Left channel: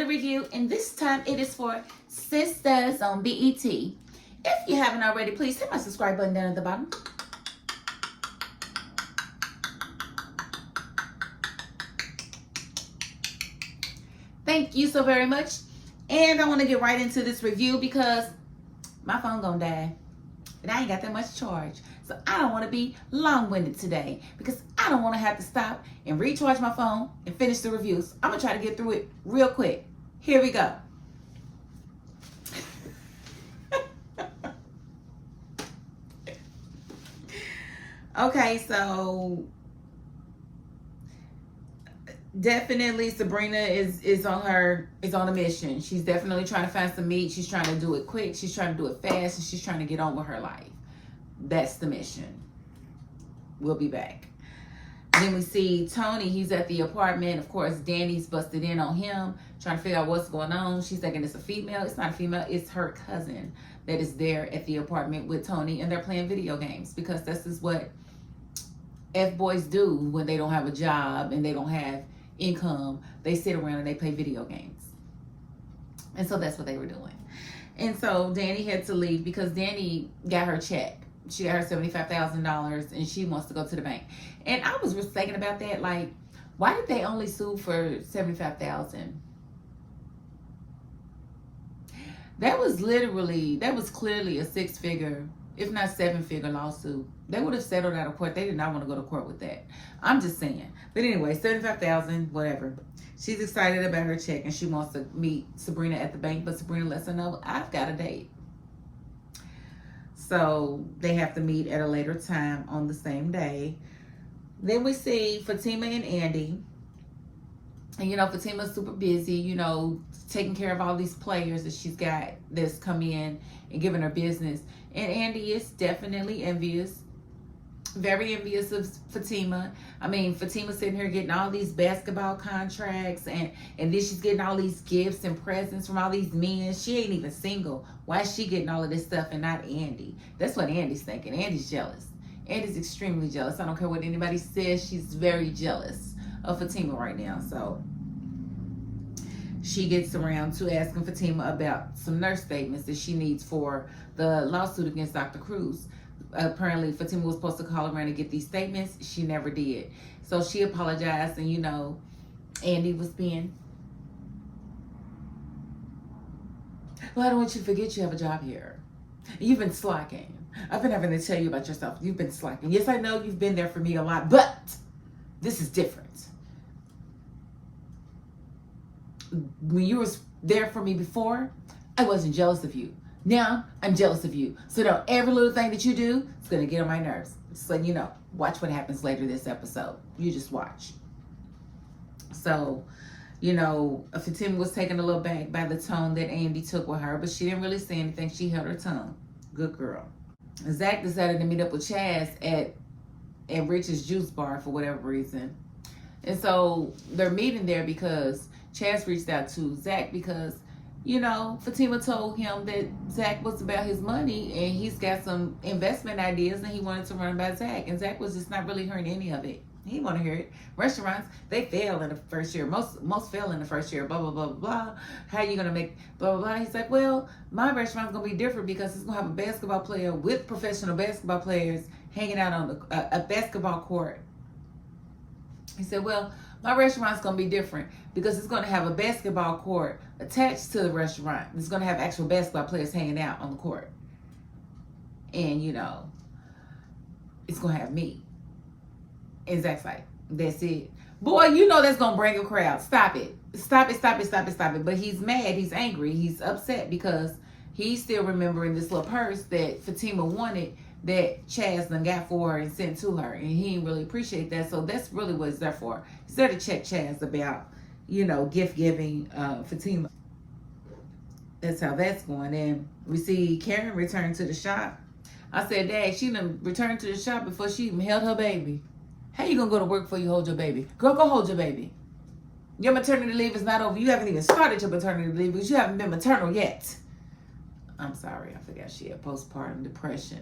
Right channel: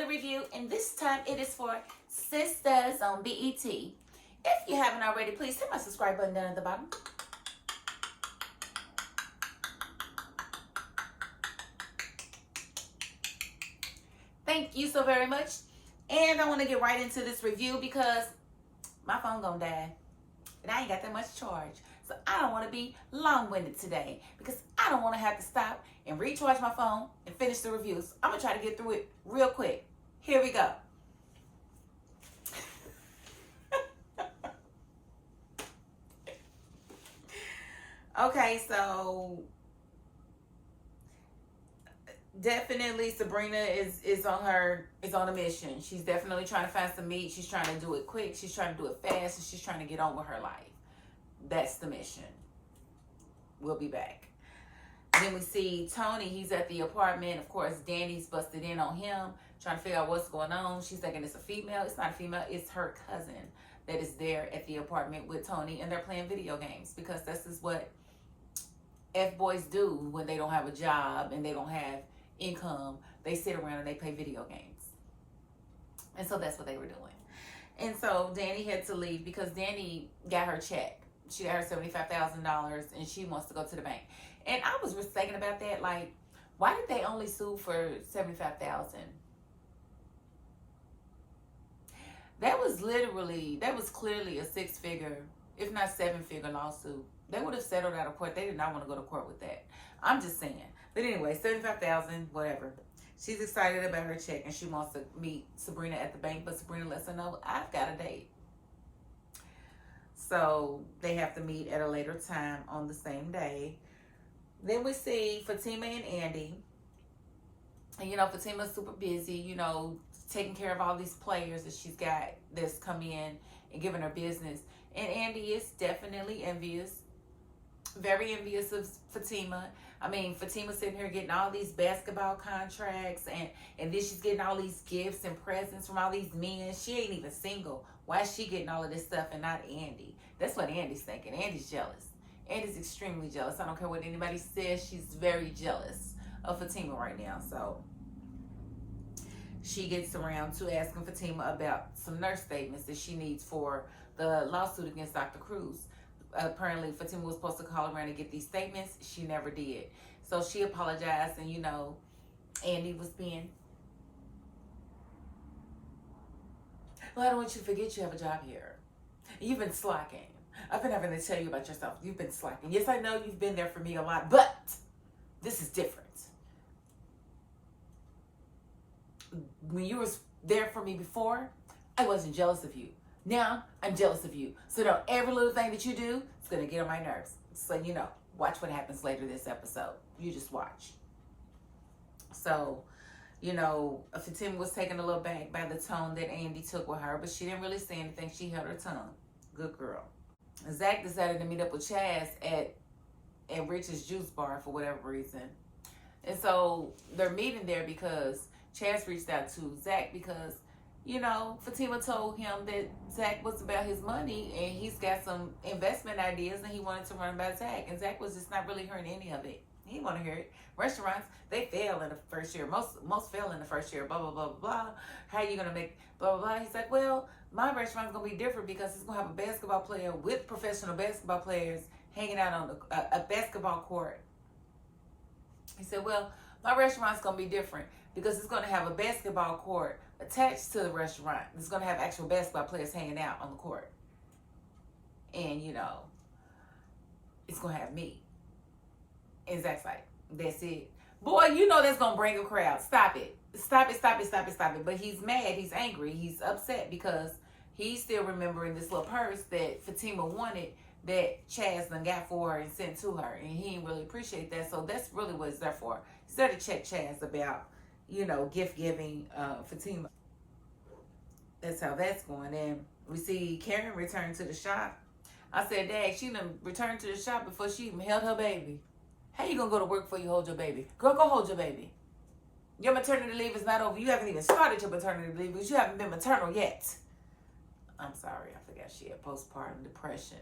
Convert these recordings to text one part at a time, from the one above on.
another review, and this time it is for Sistas on BET. If you haven't already, please hit my subscribe button down at the bottom. Thank you so very much. And I want to get right into this review because my phone gonna die. And I ain't got that much charge. So I don't want to be long-winded today because I don't want to have to stop and recharge my phone and finish the reviews. I'm going to try to get through it real quick. Here we go. Okay, so definitely Sabrina is on a mission. She's definitely trying to find some meat. She's trying to do it quick. She's trying to do it fast, and she's trying to get on with her life. That's the mission. We'll be back. Then we see Tony. He's at the apartment. Of course, Danny's busted in on him, trying to figure out what's going on. She's thinking it's a female. It's not a female. It's her cousin that is there at the apartment with Tony, and they're playing video games because this is what F-boys do when they don't have a job and they don't have income. They sit around and they play video games. And so that's what they were doing. And so Danny had to leave because Danny got her check. She got her $75,000 and she wants to go to the bank. And I was just thinking about that, like, why did they only sue for $75,000? That was clearly a six-figure, if not seven-figure lawsuit. They would have settled out of court. They did not want to go to court with that. I'm just saying. But anyway, $75,000, whatever. She's excited about her check and she wants to meet Sabrina at the bank, but Sabrina lets her know, I've got a date. So they have to meet at a later time on the same day. Then we see Fatima and Andy. And, you know, Fatima's super busy, you know, taking care of all these players that she's got that's come in and giving her business. And Andy is definitely envious. Very envious of Fatima. I mean, Fatima's sitting here getting all these basketball contracts and then she's getting all these gifts and presents from all these men. She ain't even single. Why is she getting all of this stuff and not Andy? That's what Andy's thinking. Andy's jealous. Andy's extremely jealous. I don't care what anybody says. She's very jealous of Fatima right now. So she gets around to asking Fatima about some nurse statements that she needs for the lawsuit against Dr. Cruz. Apparently Fatima was supposed to call around and get these statements. She never did. So she apologized, and you know, Andy was being, well, I don't want you to forget you have a job here. You've been slacking. I've been having to tell you about yourself. You've been slacking. Yes, I know you've been there for me a lot, but this is different. When you were there for me before, I wasn't jealous of you. Now, I'm jealous of you. So now every little thing that you do is going to get on my nerves. Just letting you know. Watch what happens later this episode. You just watch. So, you know, Fatima was taken a little back by the tone that Andy took with her, but she didn't really say anything. She held her tongue. Good girl. Zach decided to meet up with Chaz at Rich's juice bar for whatever reason. And so they're meeting there because Chaz reached out to Zach because, you know, Fatima told him that Zach was about his money and he's got some investment ideas and he wanted to run by Zach. And Zach was just not really hearing any of it. He didn't want to hear it. Restaurants, they fail in the first year. Most fail in the first year. Blah, blah, blah, blah. How are you going to make blah, blah, blah? He's like, well, my restaurant's going to be different because it's going to have a basketball player with professional basketball players hanging out on a basketball court. He said, well, my restaurant's going to be different because it's going to have a basketball court attached to the restaurant. It's going to have actual basketball players hanging out on the court. And, you know, it's going to have me. And Zach's like, that's it. Boy, you know that's going to bring a crowd. Stop it. Stop it, stop it, stop it, stop it. But he's mad. He's angry. He's upset because he's still remembering this little purse that Fatima wanted that Chaz done got for her and sent to her. And he didn't really appreciate that. So that's really what it's there for. It's there to check Chaz about, you know, gift giving Fatima. That's how that's going. And we see Karen return to the shop. I said, Dad, she done returned to the shop before she even held her baby. How you gonna go to work before you hold your baby? Girl, go hold your baby. Your maternity leave is not over. You haven't even started your maternity leave because you haven't been maternal yet. I'm sorry, I forgot she had postpartum depression.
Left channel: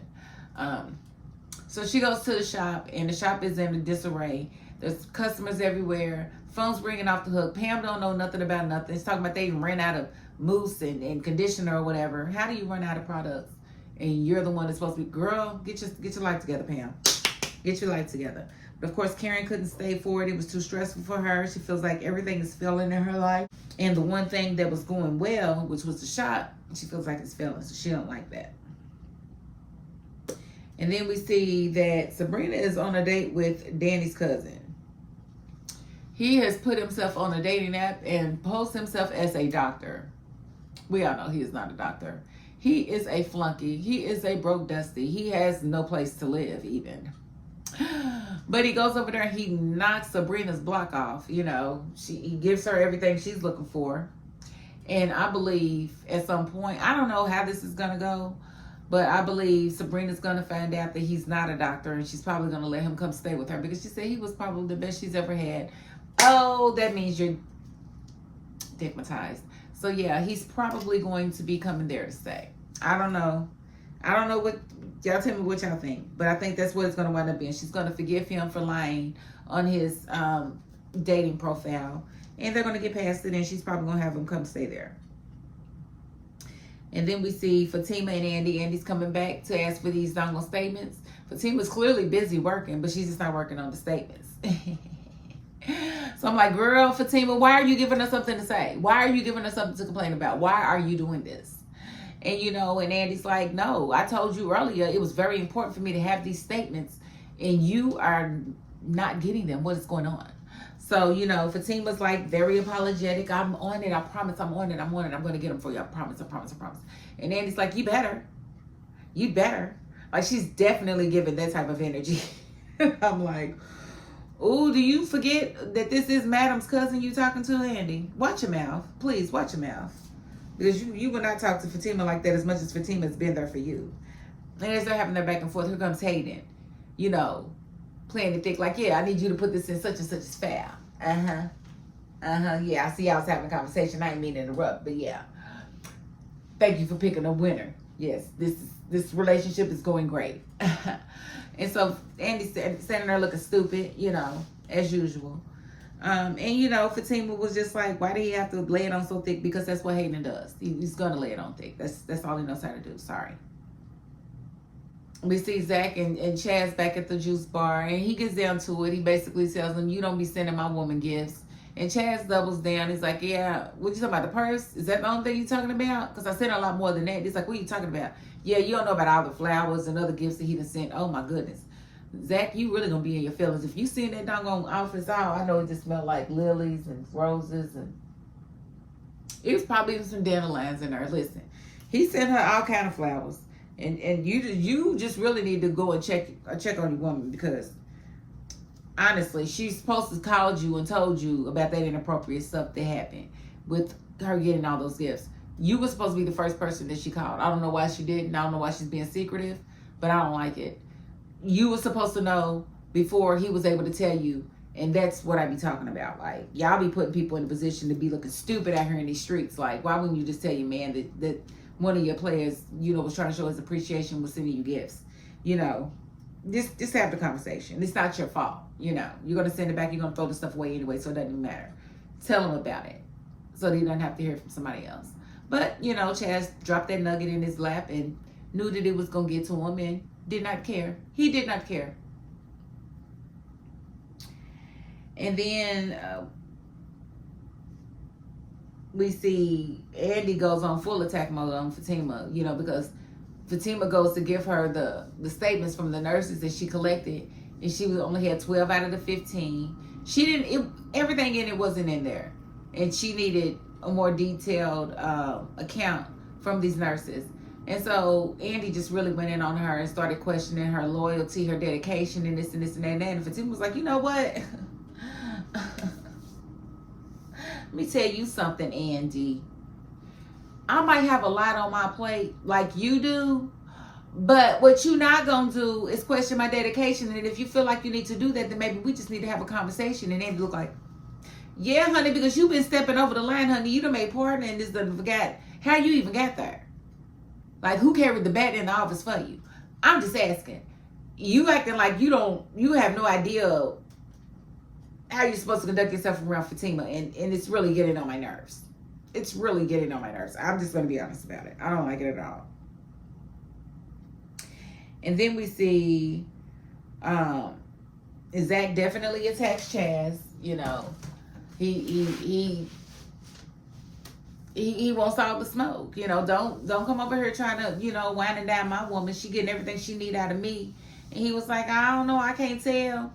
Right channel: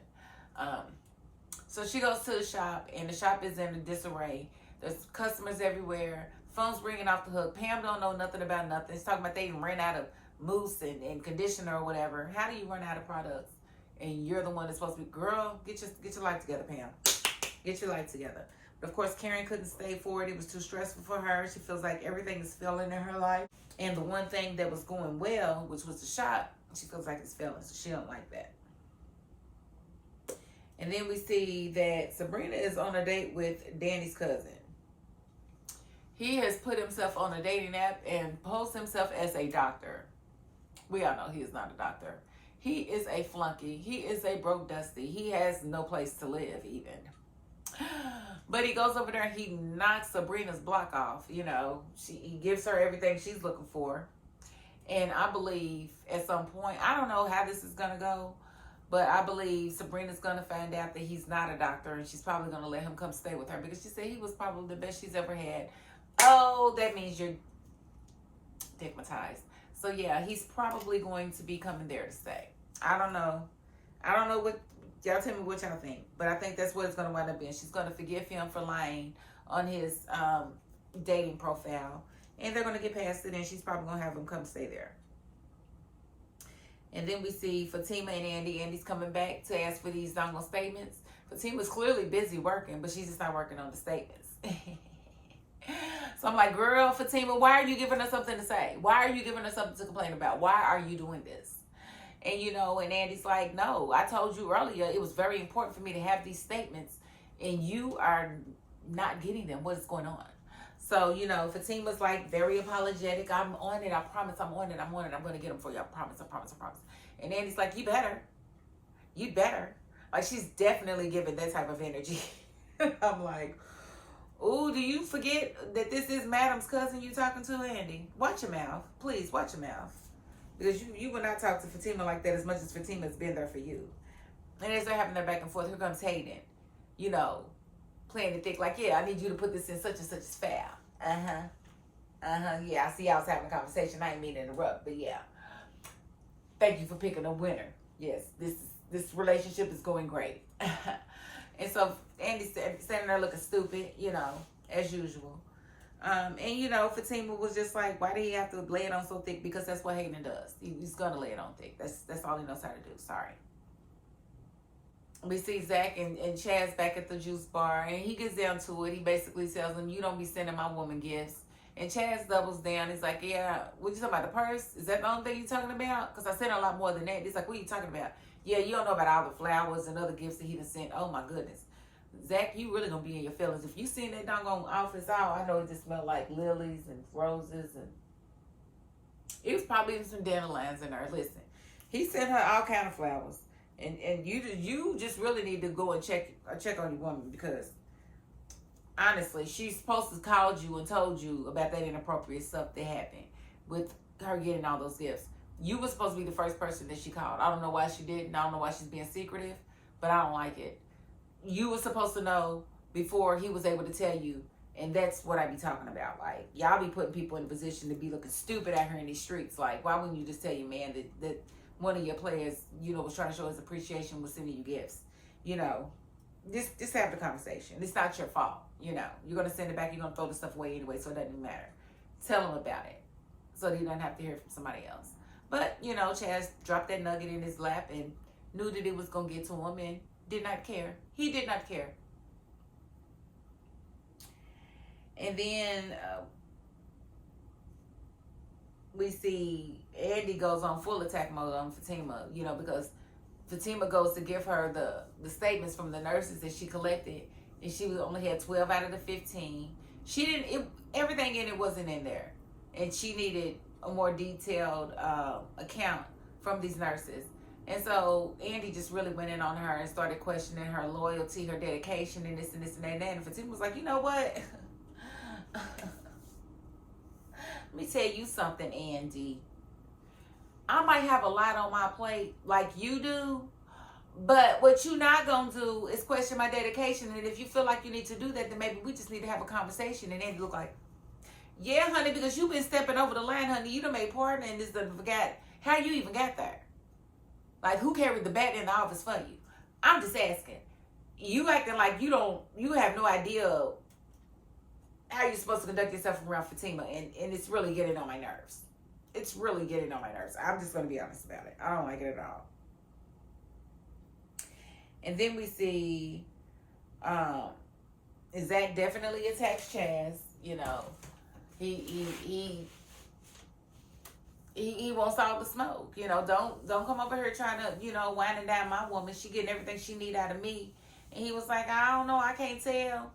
So she goes to the shop, and the shop is in a disarray. There's customers everywhere. Phone's ringing off the hook. Pam don't know nothing about nothing. It's talking about they even ran out of mousse and conditioner or whatever. How do you run out of products? And you're the one that's supposed to be, girl, get your life together, Pam. Get your life together. But of course, Karen couldn't stay for it. It was too stressful for her. She feels like everything is failing in her life. And the one thing that was going well, which was the shop, she feels like it's failing. So she don't like that. And then we see that Sabrina is on a date with Danny's cousin. He has put himself on a dating app and posed himself as a doctor. We all know he is not a doctor. He is a flunky. He is a broke dusty. He has no place to live even. But he goes over there and he knocks Sabrina's block off. You know, he gives her everything she's looking for. And I believe at some point, I don't know how this is going to go, but I believe Sabrina's going to find out that he's not a doctor, and she's probably going to let him come stay with her because she said he was probably the best she's ever had. Oh, that means you're stigmatized. So yeah, he's probably going to be coming there to stay. I don't know what, y'all tell me what y'all think, but I think that's what it's going to wind up being. She's going to forgive him for lying on his dating profile, and they're going to get past it, and she's probably going to have him come stay there. And then we see Fatima and Andy. Andy's coming back to ask for these dongle statements. Fatima's clearly busy working, but she's just not working on the statements. So I'm like, girl, Fatima, why are you giving us something to say? Why are you giving us something to complain about? Why are you doing this? And, you know, and Andy's like, no, I told you earlier it was very important for me to have these statements, and you are not getting them. What is going on? So, you know, Fatima's like very apologetic. I'm on it. I promise I'm on it. I'm going to get them for you. I promise. And Andy's like, you better. Like, she's definitely giving that type of energy. I'm like, oh, do you forget that this is Madam's cousin you talking to, Andy? Watch your mouth. Please, watch your mouth. Because you will not talk to Fatima like that as much as Fatima's been there for you. And as they're having their back and forth, here comes Hayden, you know, playing the thick, like, yeah, I need you to put this in such and such as file. Yeah, I see y'all was having a conversation. I didn't mean to interrupt, but yeah. Thank you for picking a winner. Yes, this relationship is going great. And so Andy's standing there looking stupid, you know, as usual. And, you know, Fatima was just like, why did he have to lay it on so thick? Because that's what Hayden does. He's going to lay it on thick. That's all he knows how to do. Sorry. We see Zach and Chaz back at the juice bar, and he gets down to it. He basically tells them, you don't be sending my woman gifts. And Chaz doubles down. He's like, yeah, what you talking about, the purse? Is that the only thing you talking about? Because I sent a lot more than that. He's like, what are you talking about? Yeah, you don't know about all the flowers and other gifts that he done sent. Oh, my goodness. Zach, you really going to be in your feelings. If you seen that doggone office out, I know it just smelled like lilies and roses. And it was probably even some dandelions in there. Listen, he sent her all kind of flowers. And you just really need to go and check on your woman, because honestly, she's supposed to called you and told you about that inappropriate stuff that happened with her getting all those gifts. You were supposed to be the first person that she called. I don't know why she didn't. I don't know why she's being secretive, but I don't like it. You were supposed to know before he was able to tell you, and that's what I be talking about. Like, y'all be putting people in a position to be looking stupid out here in these streets. Like, why wouldn't you just tell your man that one of your players, you know, was trying to show his appreciation, was sending you gifts? You know, just have the conversation. It's not your fault. You know, you're going to send it back. You're going to throw the stuff away anyway, so it doesn't even matter. Tell him about it so that he doesn't have to hear from somebody else. But, you know, Chaz dropped that nugget in his lap and knew that it was going to get to him and did not care. He did not care. And then we see Andy goes on full attack mode on Fatima, you know, because Fatima goes to give her the statements from the nurses that she collected, and she only had 12 out of the 15. She didn't, everything in it wasn't in there. And she needed a more detailed account from these nurses. And so Andy just really went in on her and started questioning her loyalty, her dedication, and this and this and that and that. And Fatima was like, you know what? Let me tell you something, Andy. I might have a lot on my plate like you do, but what you not gonna do is question my dedication. And if you feel like you need to do that, then maybe we just need to have a conversation. And Andy looked like, yeah, honey, because you've been stepping over the line, honey. You done made partner and this done forgot how you even got there. Like, who carried the bat in the office for you? I'm just asking. You acting like you have no idea how you're supposed to conduct yourself around Fatima, and it's really getting on my nerves. It's really getting on my nerves. I'm just going to be honest about it. I don't like it at all. And then we see Zach definitely attacks Chaz. You know, he wants all the smoke. You know, don't come over here trying to, you know, winding down my woman. She getting everything she need out of me. And he was like, I don't know, I can't tell.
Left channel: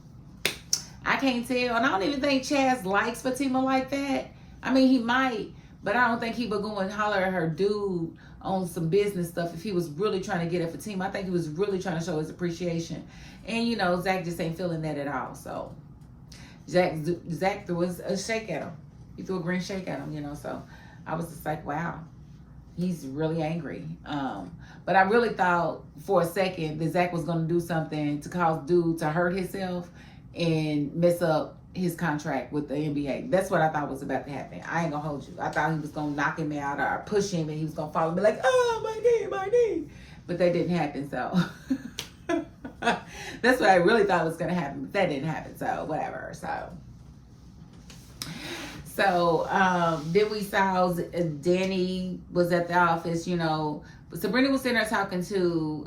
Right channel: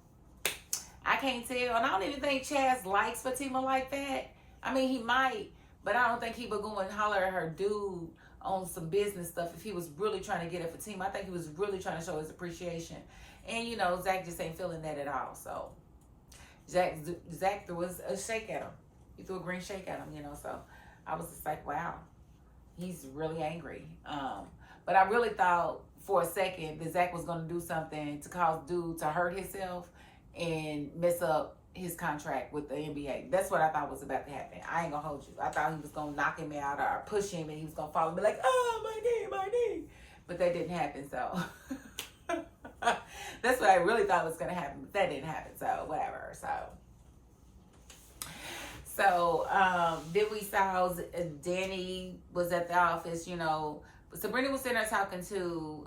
And I don't even think Chaz likes Fatima like that. I mean, he might, but I don't think he would go and holler at her dude on some business stuff if he was really trying to get at Fatima. I think he was really trying to show his appreciation. And, you know, Zach just ain't feeling that at all. So Zach threw a shake at him. He threw a green shake at him, you know. So I was just like, wow, he's really angry. But I really thought for a second that Zach was going to do something to cause dude to hurt himself and mess up his contract with the NBA. That's what I thought was about to happen. I ain't gonna hold you. I thought he was gonna knock him out or push him and he was gonna fall and be like, oh, my knee. But that didn't happen, so. That's what I really thought was gonna happen, but that didn't happen, so whatever. So then we saw Danny was at the office, you know. Sabrina was sitting there talking to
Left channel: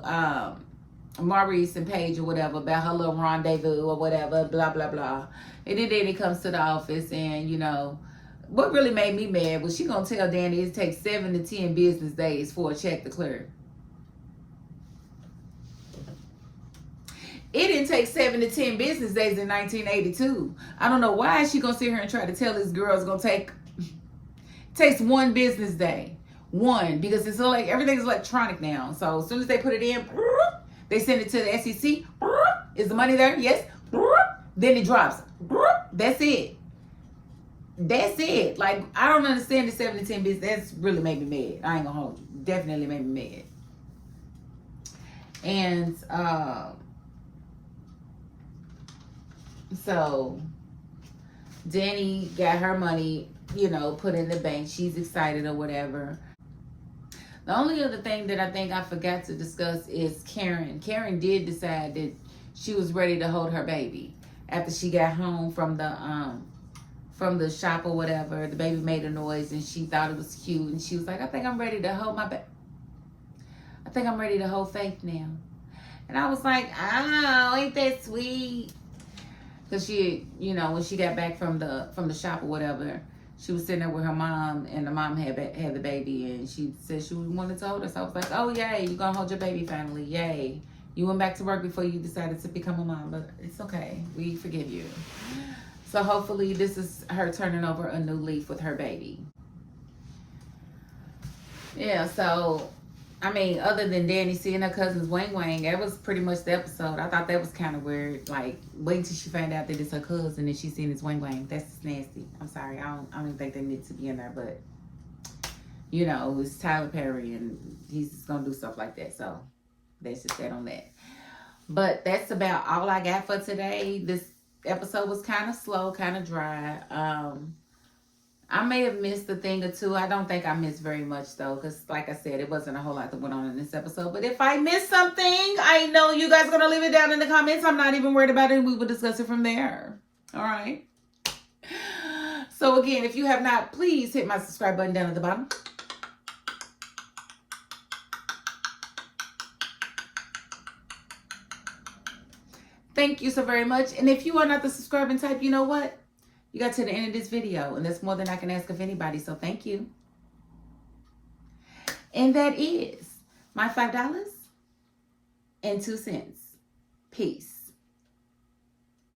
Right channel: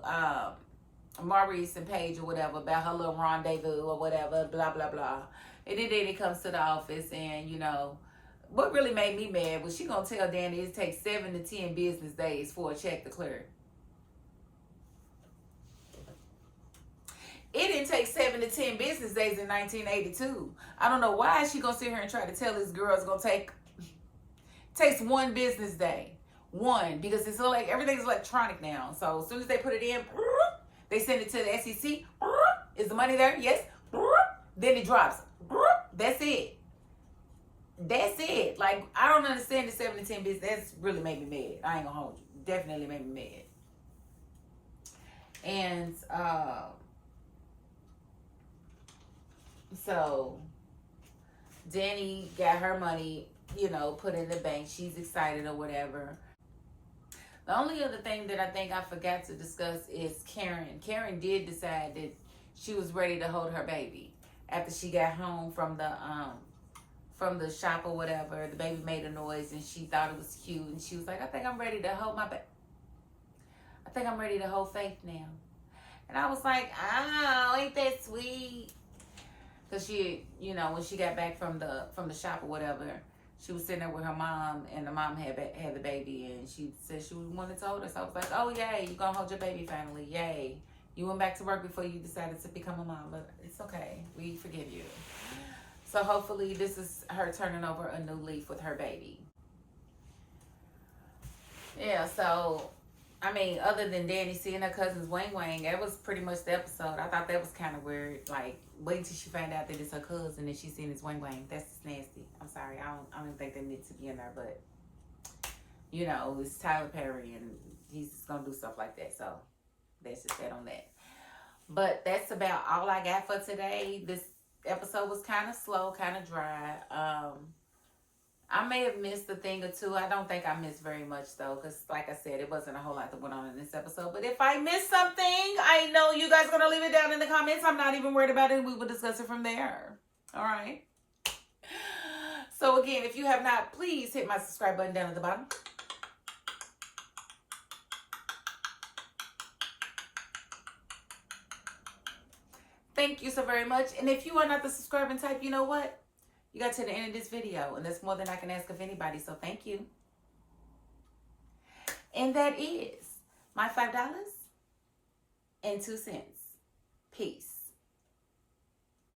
Maurice and Paige or whatever about her little rendezvous or whatever, blah, blah, blah. And then Danny comes to the office and, you know, what really made me mad was she going to tell Danny it takes 7 to 10 business days for a check to clear. It didn't take 7 to 10 business days in 1982. I don't know why she going to sit here and try to tell this girl it's going to takes 1 business day. 1, because it's like everything's electronic now. So as soon as they put it in, they send it to the SEC. Is the money there? Yes. Then it drops. That's it. Like, I don't understand the 7 to 10 business. That's really made me mad. I ain't gonna hold you. Definitely made me mad. And so Danny got her money, you know, put in the bank. She's excited or whatever. The only other thing that I think I forgot to discuss is Karen. Karen did decide that she was ready to hold her baby after she got home from the shop or whatever. The baby made a noise and she thought it was cute, and she was like, I think I'm ready to hold my baby. I think I'm ready to hold Faith now. And I was like, oh, ain't that sweet? Because she, you know, when she got back from the shop or whatever, she was sitting there with her mom, and the mom had the baby, and she said she wanted to hold her. So I was like, oh, yay, you're going to hold your baby finally. Yay. You went back to work before you decided to become a mom, but it's okay. We forgive you. So hopefully this is her turning over a new leaf with her baby. Yeah, so, I mean, other than Danny seeing her cousin's wang, that was pretty much the episode. I thought that was kind of weird. Like, wait until she find out that it's her cousin and she's seeing his wang. That's just nasty. I'm sorry. I don't even think that needs to be in there, but, you know, it's Tyler Perry and he's just going to do stuff like that. So, that's just that on that. But that's about all I got for today. This episode was kind of slow, kind of dry. I may have missed a thing or two. I don't think I missed very much, though, because, like I said, it wasn't a whole lot that went on in this episode. But if I missed something, I know you guys are going to leave it down in the comments. I'm not even worried about it. We will discuss it from there. All right? So, again, if you have not, please hit my subscribe button down at the bottom. Thank you so very much. And if you are not the subscribing type, you know what? You got to the end of this video, and that's more than I can ask of anybody, so thank you. And that is my $5.02. Peace.